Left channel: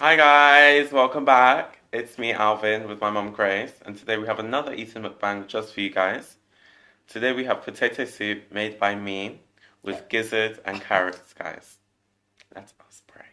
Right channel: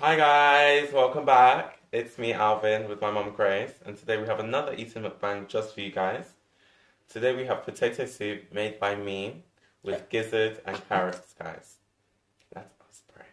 Hi guys, welcome back. It's me, Alvin, with my mum Grace, and today we have another eating mukbang just for you guys. Today we have potato soup made by me with gizzard and carrots, guys. Let us pray.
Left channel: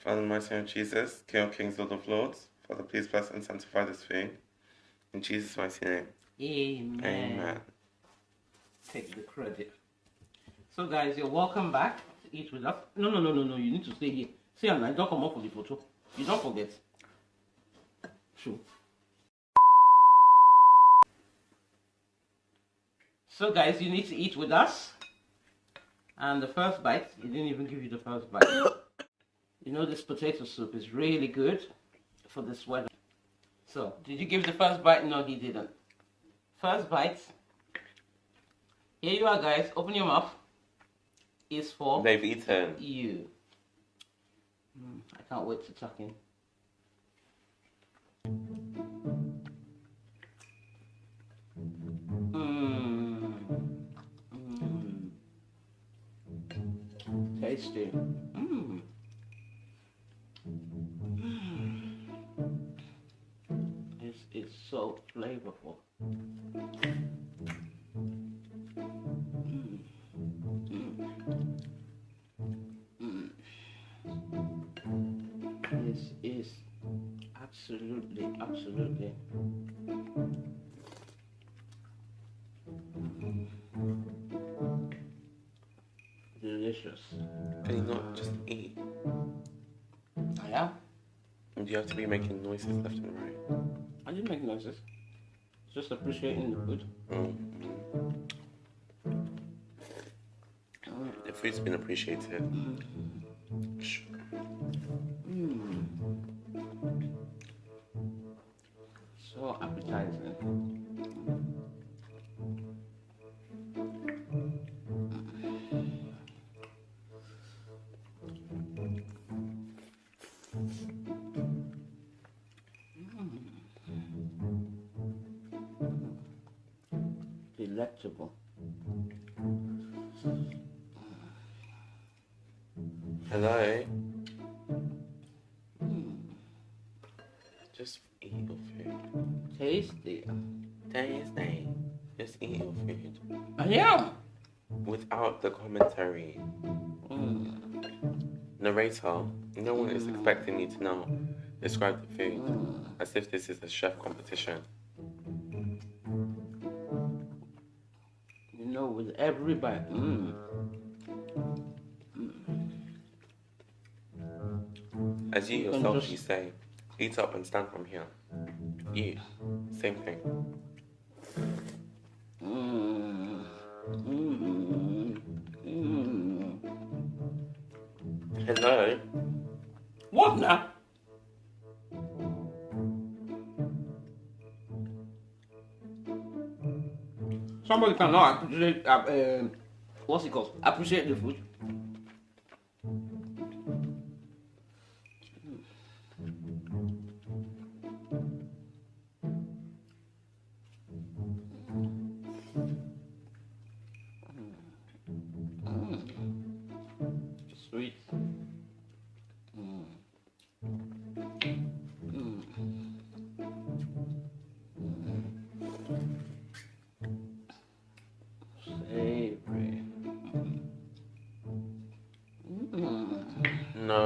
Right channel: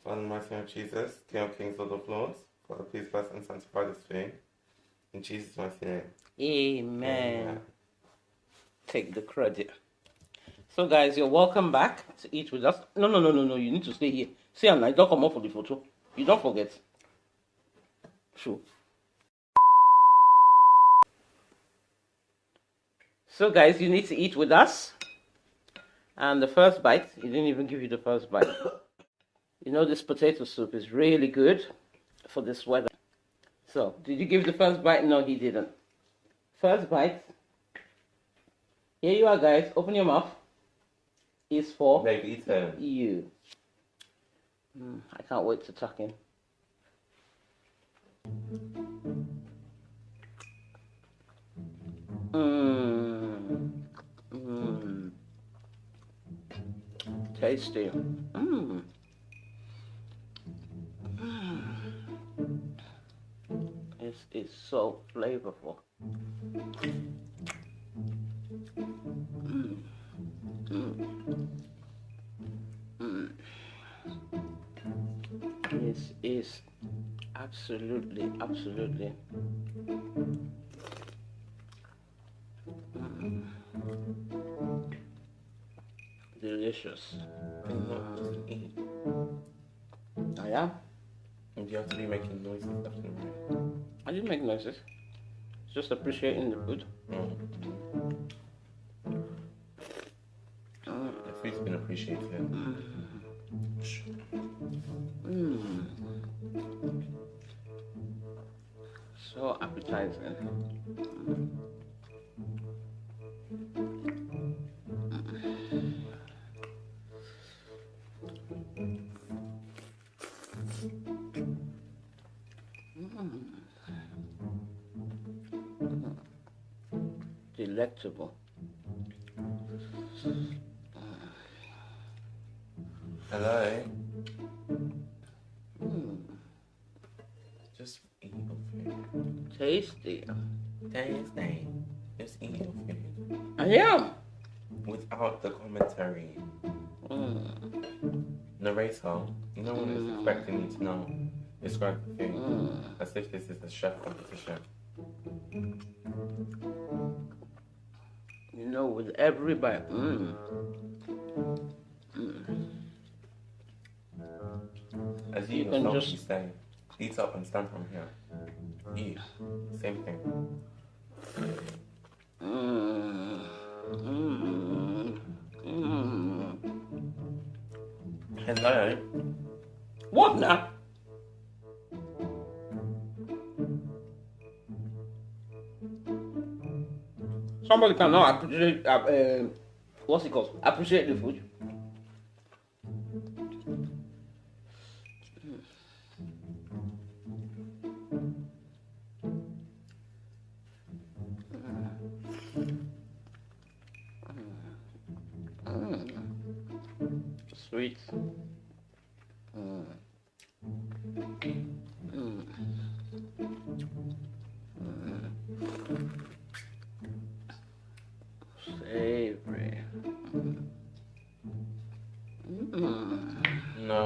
Father, in the mighty name of Jesus, King of Kings, Lord of Lords, Father, please bless and sanctify this food. In Jesus' mighty name. Amen. Take the credit. So, guys, you're welcome back to eat with us. No. You need to stay here. See, and I don't come up for the photo. You don't forget. Sure. So, guys, you need to eat with us. And the first bite, he didn't even give you the first bite. You know, this potato soup is really good for this weather. So, did you give the first bite? No, he didn't. First bite. Here you are, guys. Open your mouth. Is for They've eaten. You. I can't wait to tuck in. Tasty. It's so flavorful. This is absolutely delicious. Can you not just eat? I am. And do you have to be making noises left and right? I didn't make noises. Just appreciating the food. The food's been appreciated. So appetizing. Delectable. Hello? Just eat your food. Tasty. Tasty. Just eat your food. I am. Without the commentary. Narrator, no one is expecting you to know. Describe the food as if this is a chef competition. You know, with every bite. As you yourself you say, eat up and stand from here. You, same thing. Hello? What now? Somebody cannot appreciate, what's it called? Appreciate the food. Sweet. Savory. No.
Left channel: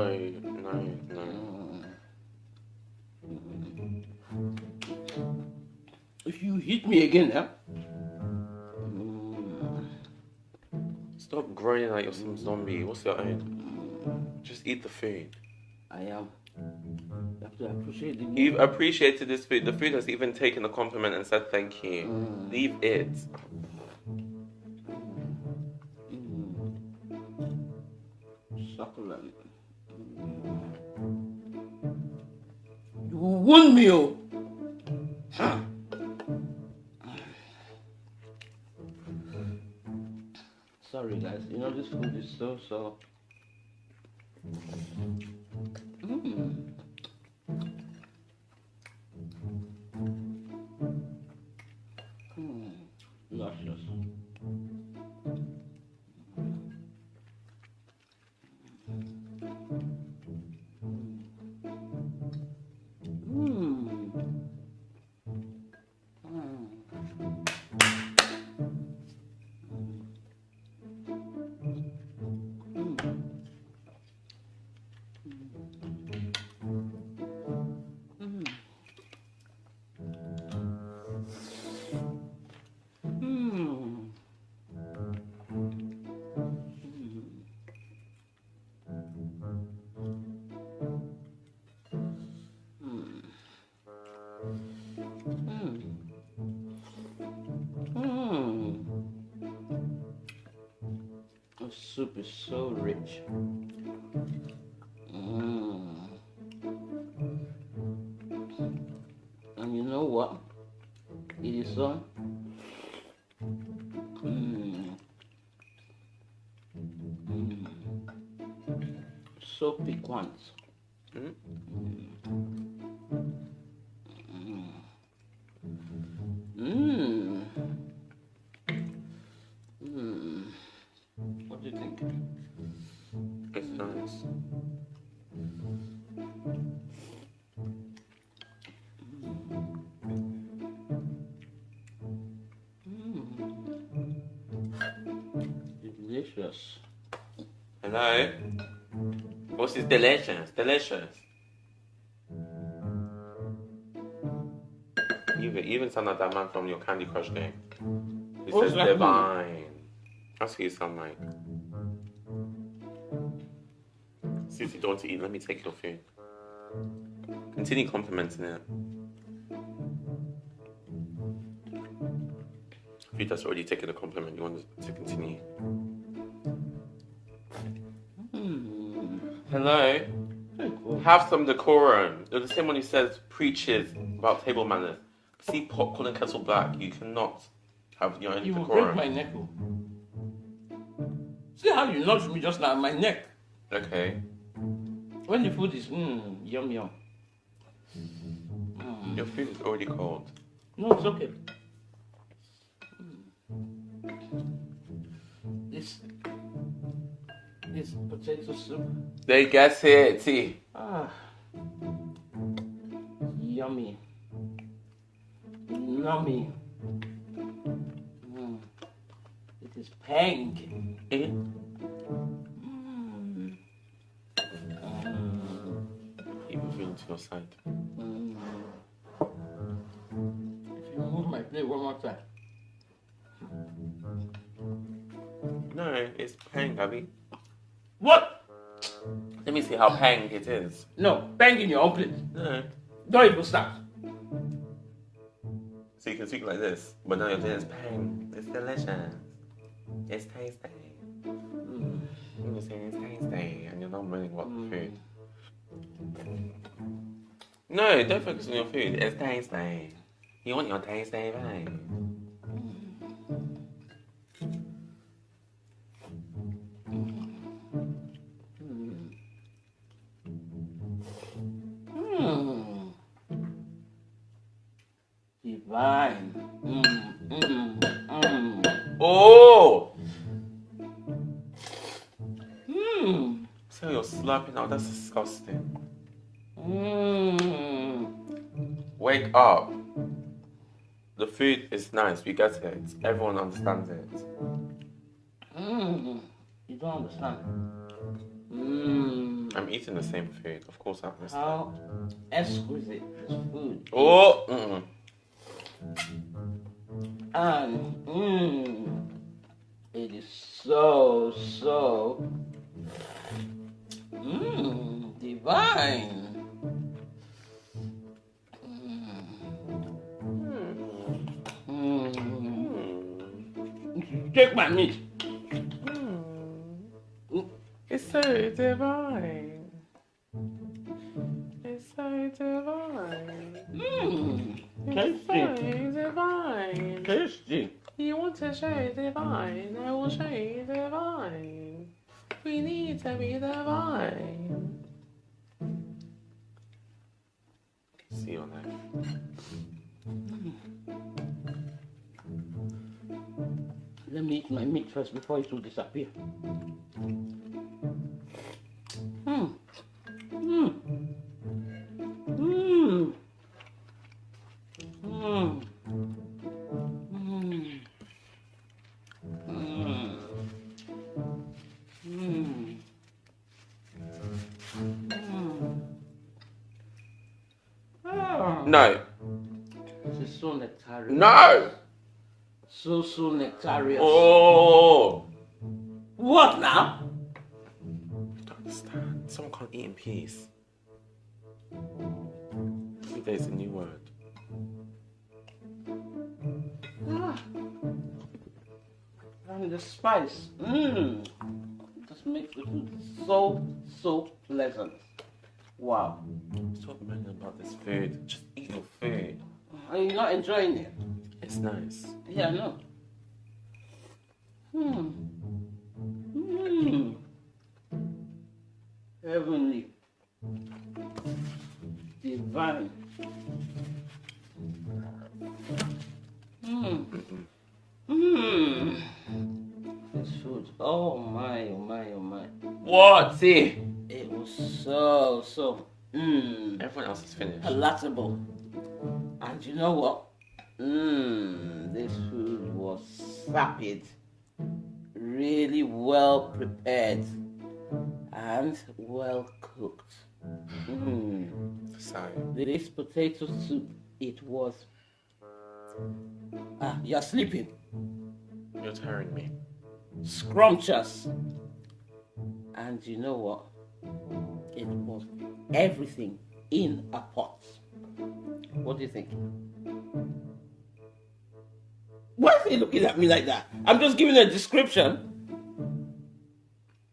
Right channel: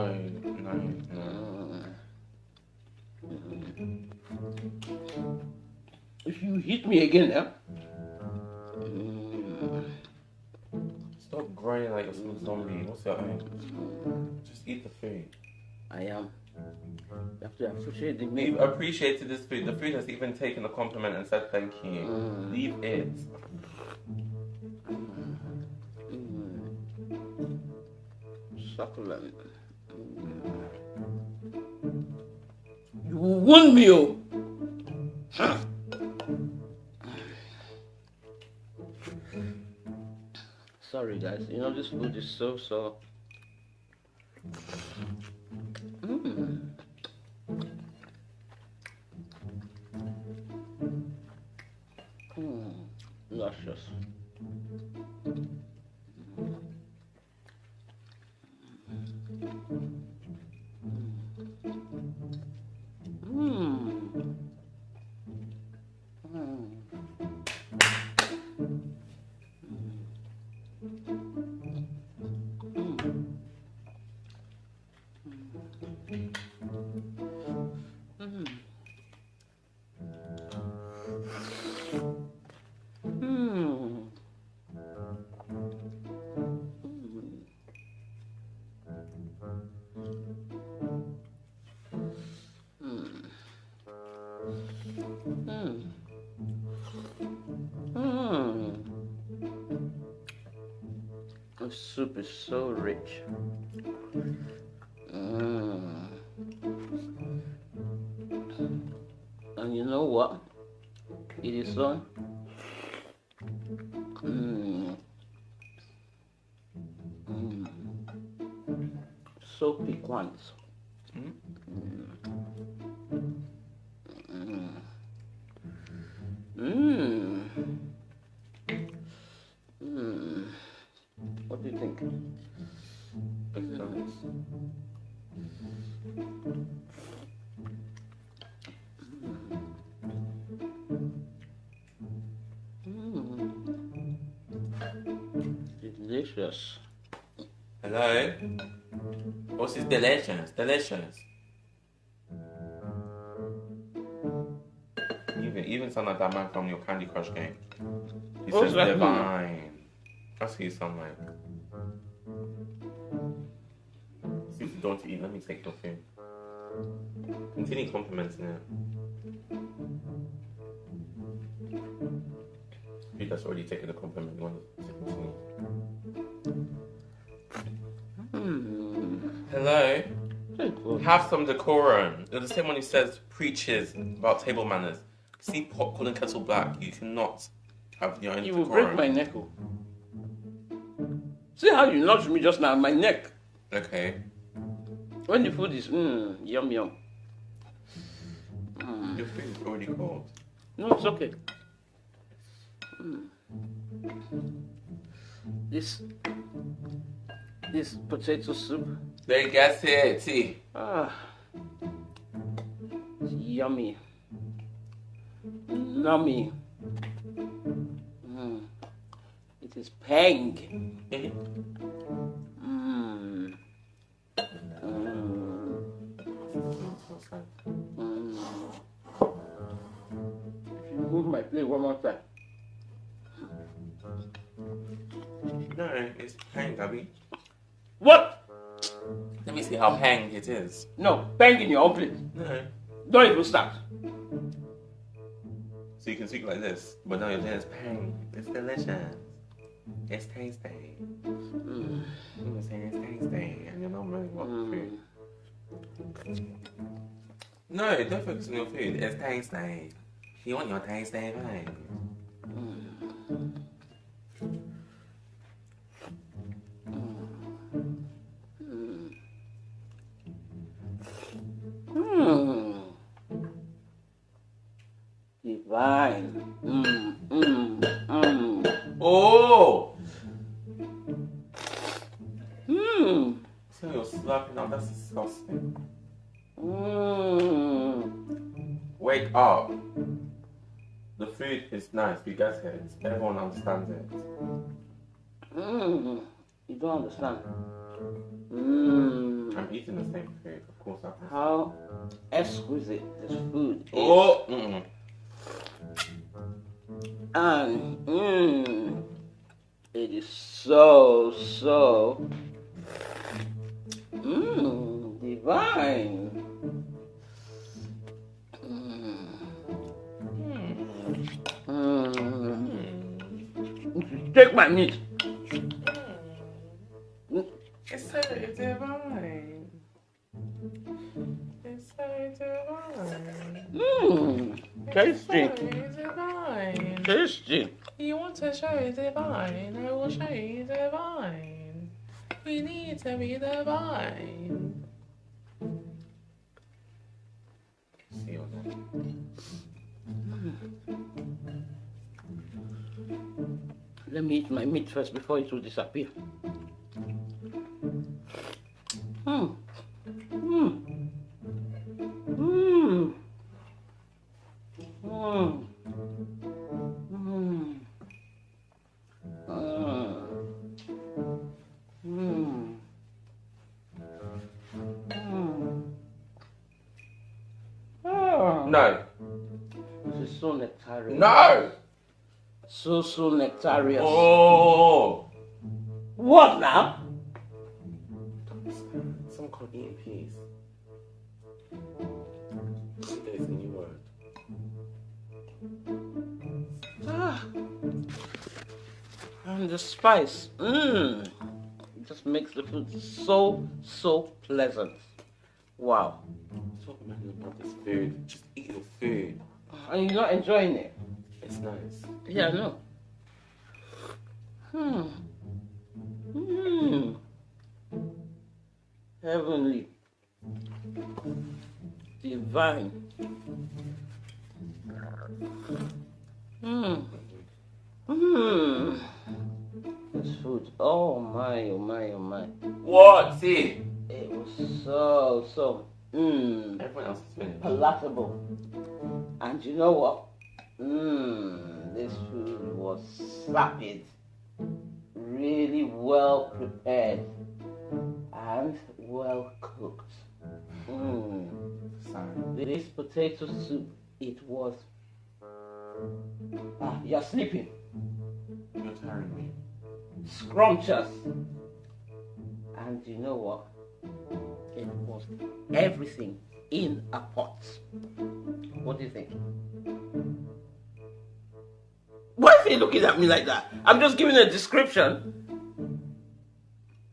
If you hit me again, huh? Stop groaning like you're some zombie. What's your aim? Just eat the food. I am. You have to appreciate the meal. You've appreciated this food. The food has even taken a compliment and said thank you. Leave it. Succulent. You won me, oh. Sorry, guys. You know, this food is so. Luscious. The soup is so rich. And you know what? It is so so piquant. What do you think? It's nice. Delicious. Hello? What's this delicious? Delicious. Even sound like that man from your Candy Crush game. He says divine. That's who you sound like. Since you don't want to eat, let me take your food. Continue complimenting it. Food that's already taken a compliment, you want to continue. Hello? Have some decorum. You're the same one who says preaches about table manners. See popcorn and kettle black. You cannot have your own decorum. You will break my neck. See how you nudged me just now, my neck. Okay. When the food is yum yum. Your food is already cold. No, it's okay. This potato soup. They get it, see. Yummy. Nummy. It is pink. Keep moving to your side. If you move my plate one more time. No, it's pang, Abby. What? Let me see how pang it is. No, bang in your own plate. No. Don't even start. So you can speak like this, but now you're saying it's pang. It's delicious. It's tasty. You're saying it's tasty, and you're not really what food. No, don't focus on your food. It's tasty. You want your tasty food. Divine. Oh! So you're slurping out. That's disgusting. Wake up. The food is nice. We get it. Everyone understands it. You don't understand. I'm eating the same food. Of course I understand. How exquisite this food is. Oh! And it is so divine. Take my meat. It's so divine. It's so divine. Tasty. It's so divine. Tasty. You want to show divine? I will show you divine. We need to be divine. See you on that. Let me eat my meat first before it will disappear. No. This is so nectarious. No. So nectarious. Oh. What now? I don't understand. Someone can't eat in peace. There's a new word. Ah. And the spice. Just makes the food so pleasant. Wow. Stop moaning about this food. Just eat your food. And you're not enjoying it? It's nice. Yeah, I know. Heavenly. Divine. This food. Oh my, oh my, oh my. What? See? It was so Everyone else is finished. palatable. And you know what? This food was sapid, really well prepared, and well cooked. So, This potato soup, it was. You're sleeping. you're tiring me. Scrumptious. And you know what? It was everything in a pot. What do you think? Why is he looking at me like that? I'm just giving a description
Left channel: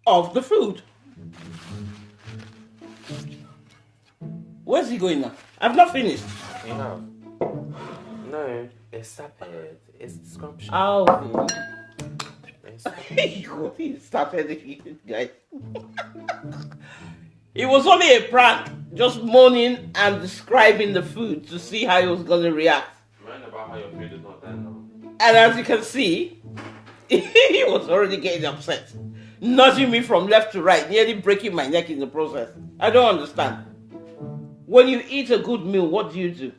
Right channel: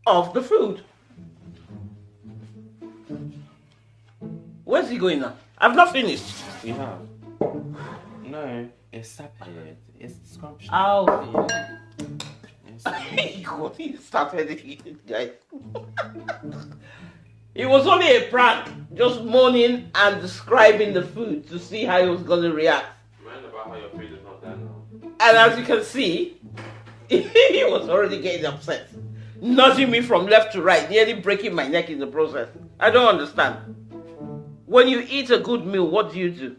of the food. Where's he going now? I've not finished. You have? No, it's sapid. It's scrumptious. Alvin. It's- What he started, guys. It was only a prank, just moaning and describing the food to see how he was going to react. Mind about how your food is not done now. And as you can see, he was already getting upset, nudging me from left to right, nearly breaking my neck in the process. I don't understand. When you eat a good meal, what do? You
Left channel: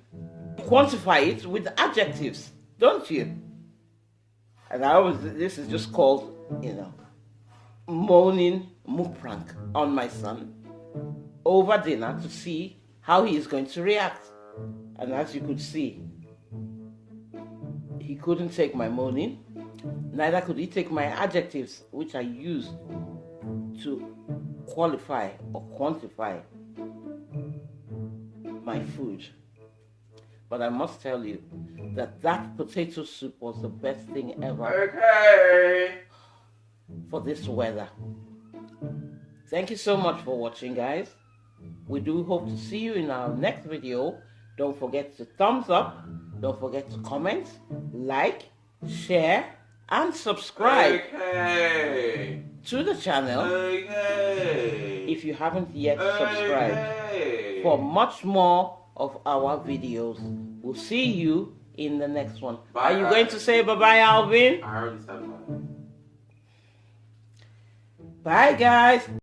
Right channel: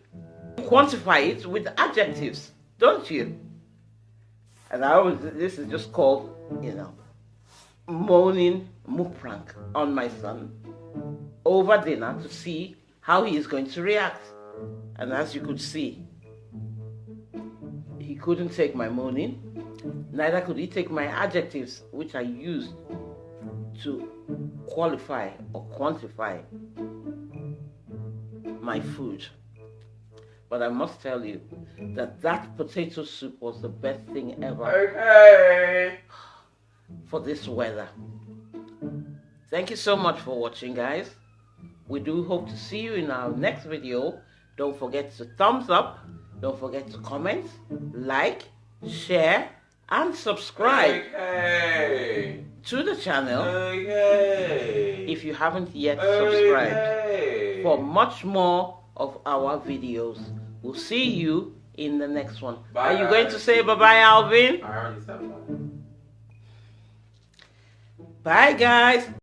quantify it with adjectives, don't you? And this is just called, moaning mukbang on my son over dinner to see how he is going to react. And as you could see, he couldn't take my moaning, neither could he take my adjectives, which I used to qualify or quantify my food. But I must tell you that potato soup was the best thing ever. Okay. For this weather. Thank you so much for watching, guys. We do hope to see you in our next video. Don't forget to thumbs up. Don't forget to comment, like, share, and subscribe to the channel if you haven't yet subscribed for much more of our videos. We'll see you in the next one. Bye, Are you going to say bye-bye, Alvin? I already said that. Bye, guys.